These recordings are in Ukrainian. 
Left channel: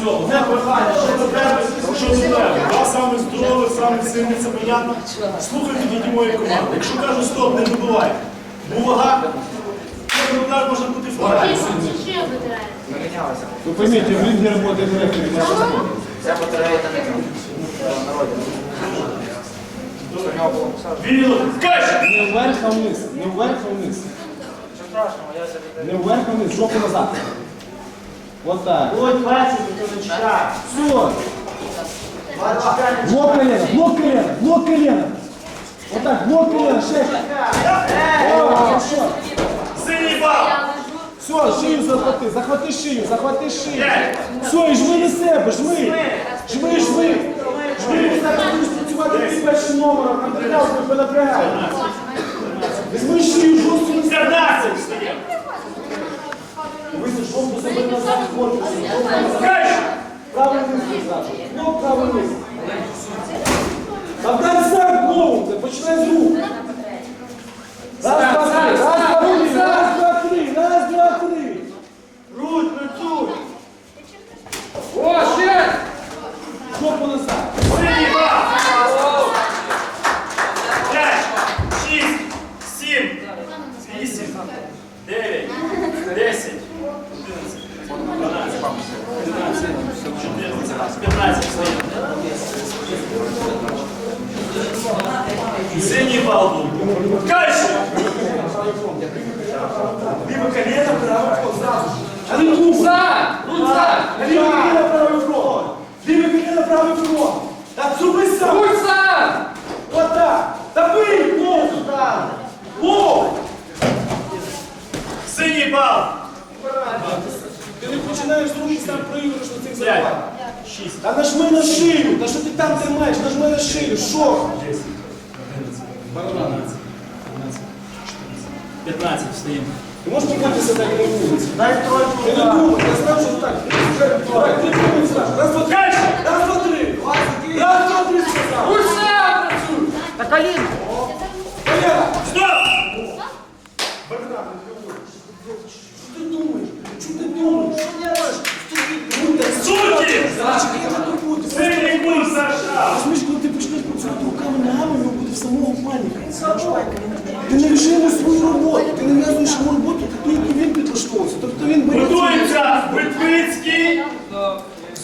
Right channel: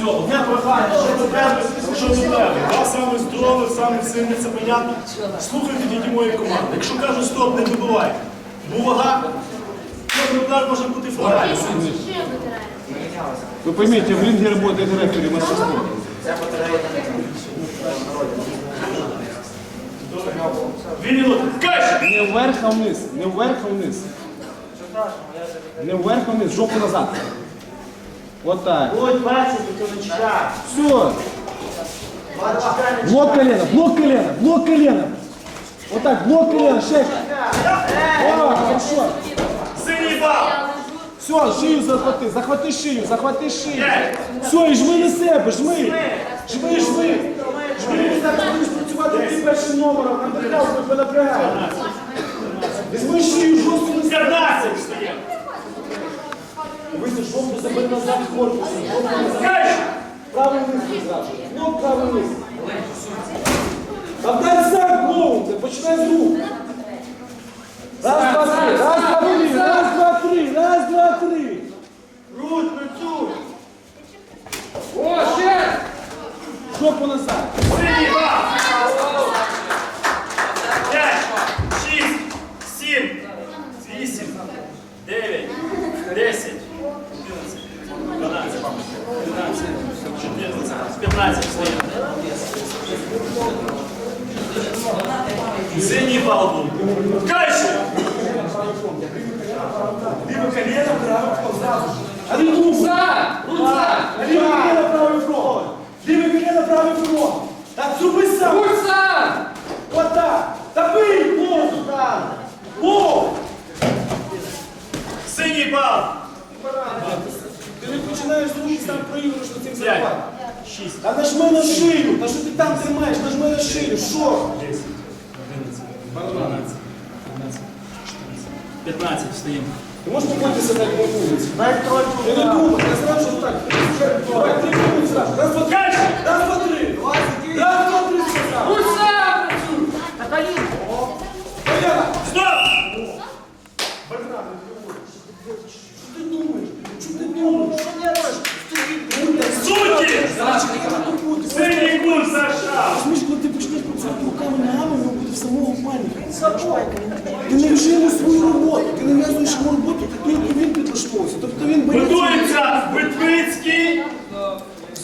Все, одне прохання, що до тебе, що до тебе. Я саме здоровий, саме сильний, це понятно. Слухайте тоді моєї команди. Якщо кажу стоп, не вибивай. Бо вага, кожен удар може бути флагом. Вы поймите, в ринге работает рефери матча спорта. Дві минути. Кайш! Не вверх, а вниз. Не вверх, а вниз. Не вверх, а вниз. Жопу назад. Вот так. Будь бачити, то не. Все. Блок колена, блок колена, блок колена. Вот так, блок колена, шесть. О, хорошо. Синій бал! Все, шию захвати, захвати шию, захвати шию. Все, і жми на себе, жми. Жми, жми. Жми, так будеш працювати ти першим номером, нам треба тебе Себе назад корпусом. Кайш! Правий низ зразу. Ну, правий низ. Та дай старт голову, починай з рук. 11, 12, 13, 14, 15 стоїть. Синій бал був. Кайше! Ліве коліно, праве зразу. А не руку. Ліве коліно, правий крок. Ліве коліно, правий крок. Так зроби сам. Вот так. Та бий ногу сюди. О! Синій бал! Ти не починаєш з руки, сам проігруєш на цим 5, забиванням. 6, Та нажми на шию. Та що ти там тримаєш? Нажми на шию. Що? 10, 11, 12, 13, 14, 15 встаємо. Ти можеш побитися так на вулиці? Дай тройку. Ти не думай, я знав, що так. Ти вже давай, ти думай зразу. Раз, два, три. Свою роботу, ти не в'язуєш йому роботу, таку, яку він підлаштовувався. Тобто він. Готується Витвицький.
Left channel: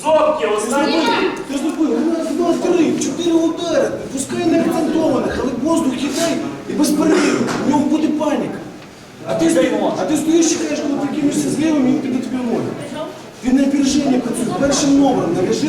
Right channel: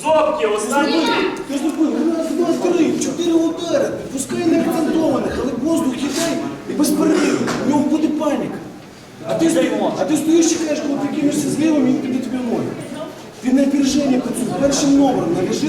Зобки, останній. Ти зробив раз, два, три, чотири удари. Пускай не акцентованих, але воздух іде і без перериву. У нього буде паніка. А ти, стоїш, а ти стоїш, чекаєш, коли ти кинешся з лівим, він піде тобі в ноги. Він на опереження працює першим номером, нав'яжи